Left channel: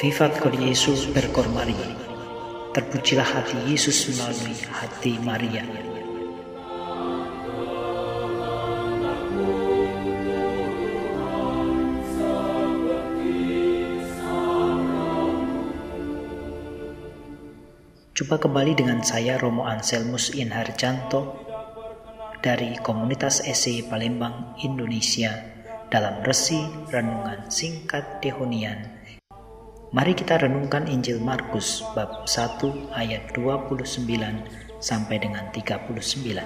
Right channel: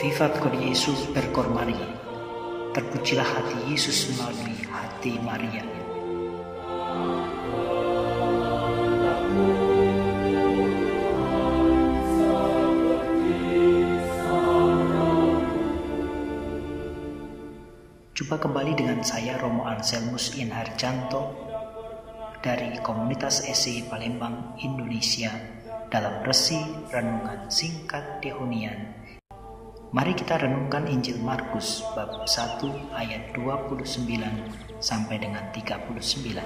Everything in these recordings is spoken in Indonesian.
Vivat con Yesus per cor Maria. Terpujilah hati Yesus melalui hati Maria. Jumpa kembali dengan saya Romo Anselmus Inharjanto dari Komunitas SC Palembang, Indonesia dalam Resi Renungan Singkat Dehonian. Mari kita renungkan Injil Markus bab 1 ayat 29 sampai dengan 39.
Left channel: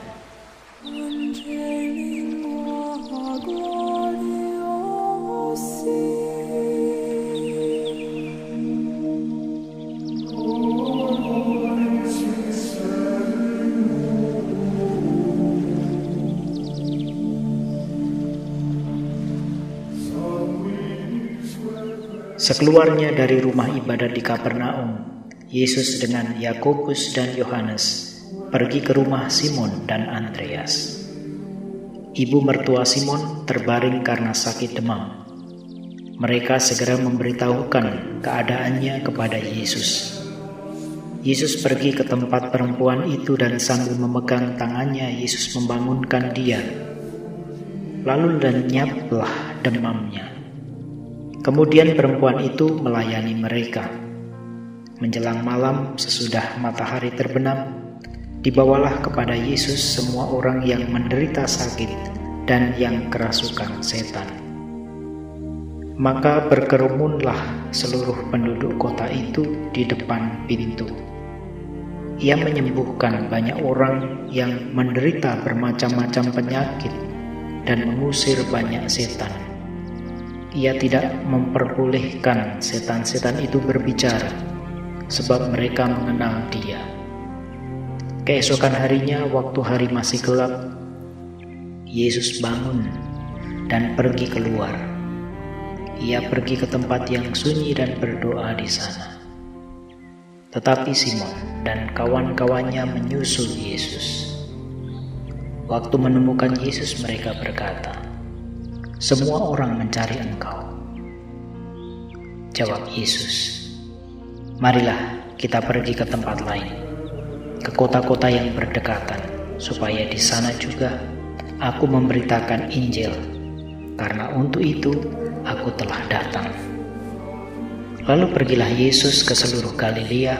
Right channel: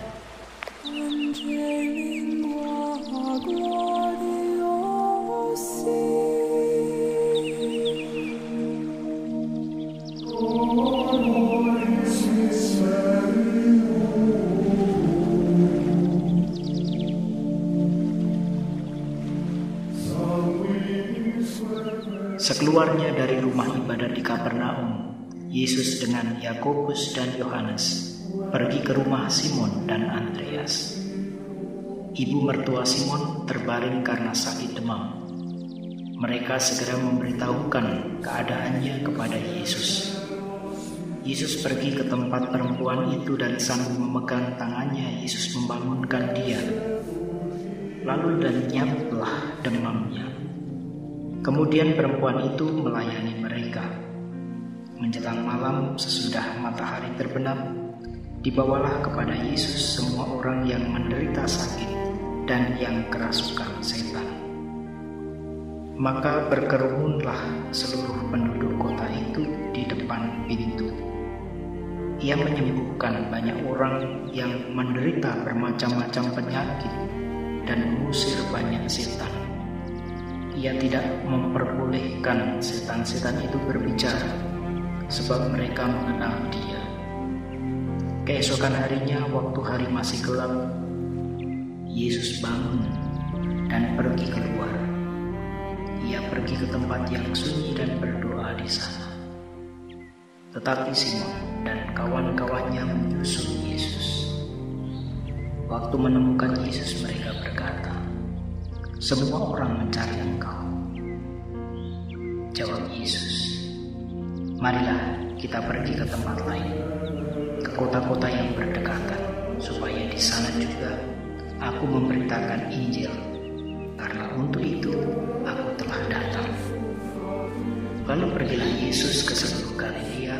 Sekeluarnya dari rumah ibadat di Kapernaum, Yesus dengan Yakobus dan Yohanes pergi ke rumah Simon dan Andreas. Ibu mertua Simon terbaring karena sakit demam. Mereka segera memberitahukan keadaannya kepada Yesus. Yesus pergi ke tempat perempuan itu dan sambil memegang tangannya, Yesus membangunkan dia. Lalu lenyaplah demamnya. Kemudian perempuan itu melayani mereka. Menjelang malam sesudah matahari terbenam, dibawalah kepada Yesus semua orang yang menderita sakit dan yang kerasukan setan. Maka berkerumunlah seluruh penduduk kota itu di depan pintu. Ia menyembuhkan banyak orang yang menderita bermacam-macam penyakit dan mengusir banyak setan. Ia tidak memperbolehkan setan-setan itu berbicara, sebab mereka mengenal dia. Keesokan harinya, waktu hari masih gelap, Yesus bangun dan pergi keluar. Ia pergi ke tempat yang sunyi dan berdoa di sana. Tetapi Simon dan kawan-kawannya menyusul Yesus. Waktu menemukan Yesus, mereka berkata, "Semua orang mencari Engkau." Jawab Yesus, "Marilah kita pergi ke tempat lain, ke kota-kota yang berdekatan, supaya di sana juga aku memberitakan Injil, karena untuk itu aku telah datang." Lalu pergilah Yesus ke seluruh Galilea,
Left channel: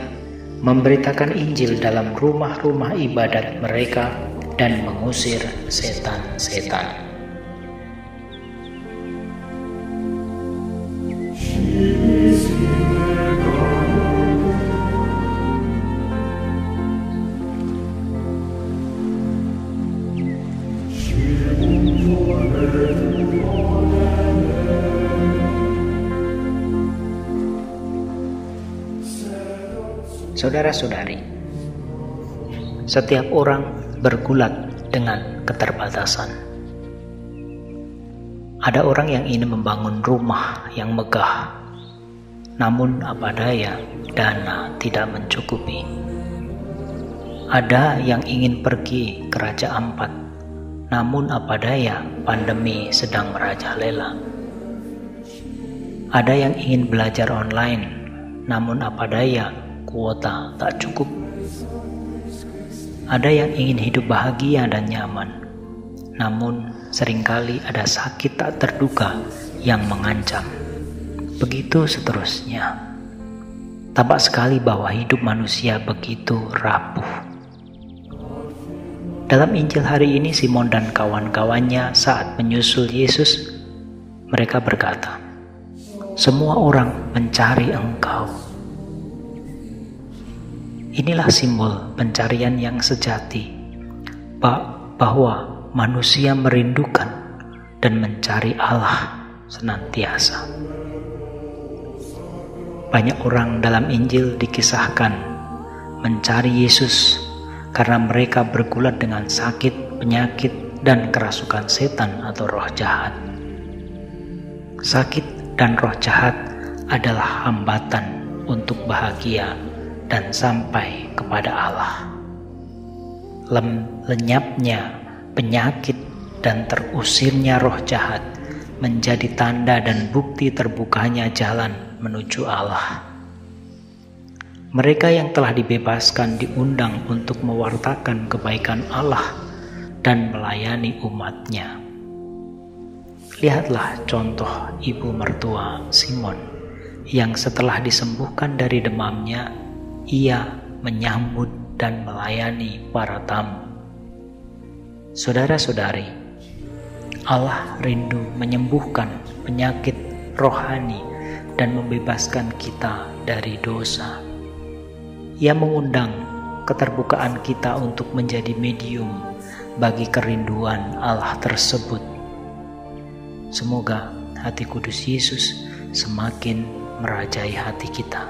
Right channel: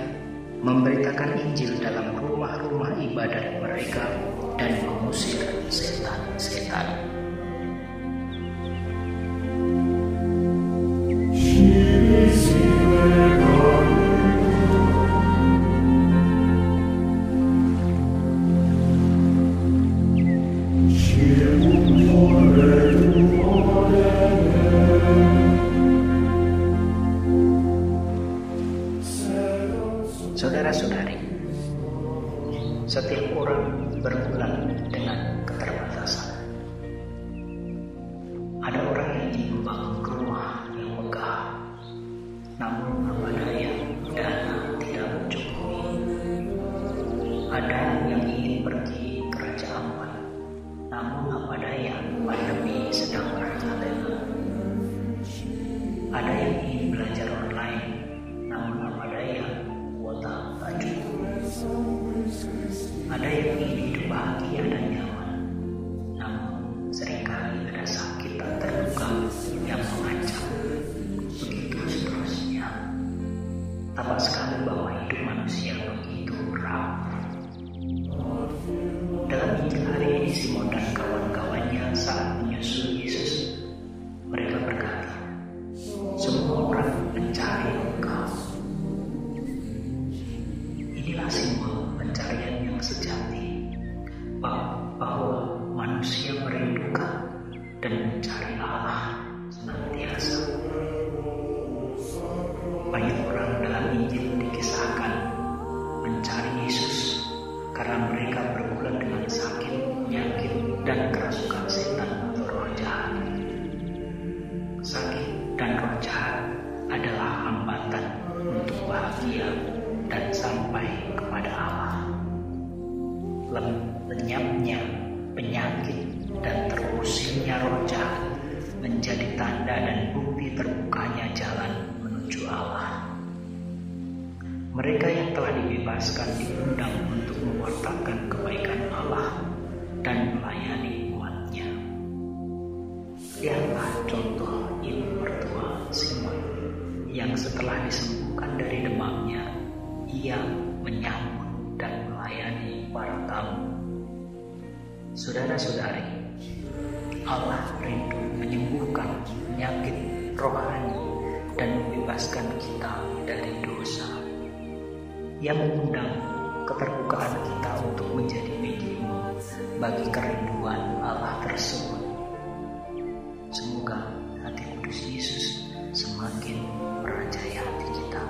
memberitakan Injil dalam rumah-rumah ibadat mereka dan mengusir setan-setan. Saudara-saudari, setiap orang bergulat dengan keterbatasan. Ada orang yang ingin membangun rumah yang megah, namun apa daya dana tidak mencukupi. Ada yang ingin pergi ke Raja Ampat, namun apa daya pandemi sedang merajalela. Ada yang ingin belajar online, namun apa daya kuota tak cukup. Ada yang ingin hidup bahagia dan nyaman, namun seringkali ada sakit tak terduga yang mengancam. Begitu seterusnya. Tampak sekali bahwa hidup manusia begitu rapuh. Dalam Injil hari ini, Simon dan kawan-kawannya saat menyusul Yesus, mereka berkata, "Semua orang mencari Engkau." Inilah simbol pencarian yang sejati, bahwa manusia merindukan dan mencari Allah senantiasa. Banyak orang dalam Injil dikisahkan mencari Yesus karena mereka bergulat dengan sakit, penyakit, dan kerasukan setan atau roh jahat. Sakit dan roh jahat adalah hambatan untuk bahagia dan sampai kepada Allah. Lenyapnya penyakit dan terusirnya roh jahat menjadi tanda dan bukti terbukanya jalan menuju Allah. Mereka yang telah dibebaskan diundang untuk mewartakan kebaikan Allah dan melayani umatnya. Lihatlah contoh ibu mertua Simon yang setelah disembuhkan dari demamnya, ia menyambut dan melayani para tamu. Saudara-saudari, Allah rindu menyembuhkan penyakit rohani dan membebaskan kita dari dosa. Ia mengundang keterbukaan kita untuk menjadi medium bagi kerinduan Allah tersebut. Semoga hati kudus Yesus semakin merajai hati kita.